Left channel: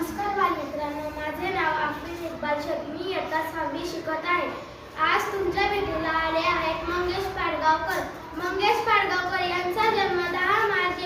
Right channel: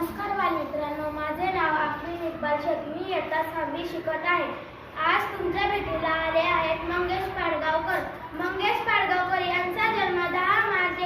नमस्कार बालमित्रांनो, माझे नाव आफ्रिन इक्बाल शेख. मी इयत्ता 6वी शिकत आहे. आज तुमच्या भेटीला आले आहेत मंगेश पाडगावकर. मंगेश पाडगावकर यांचा जन्म 10 मार्च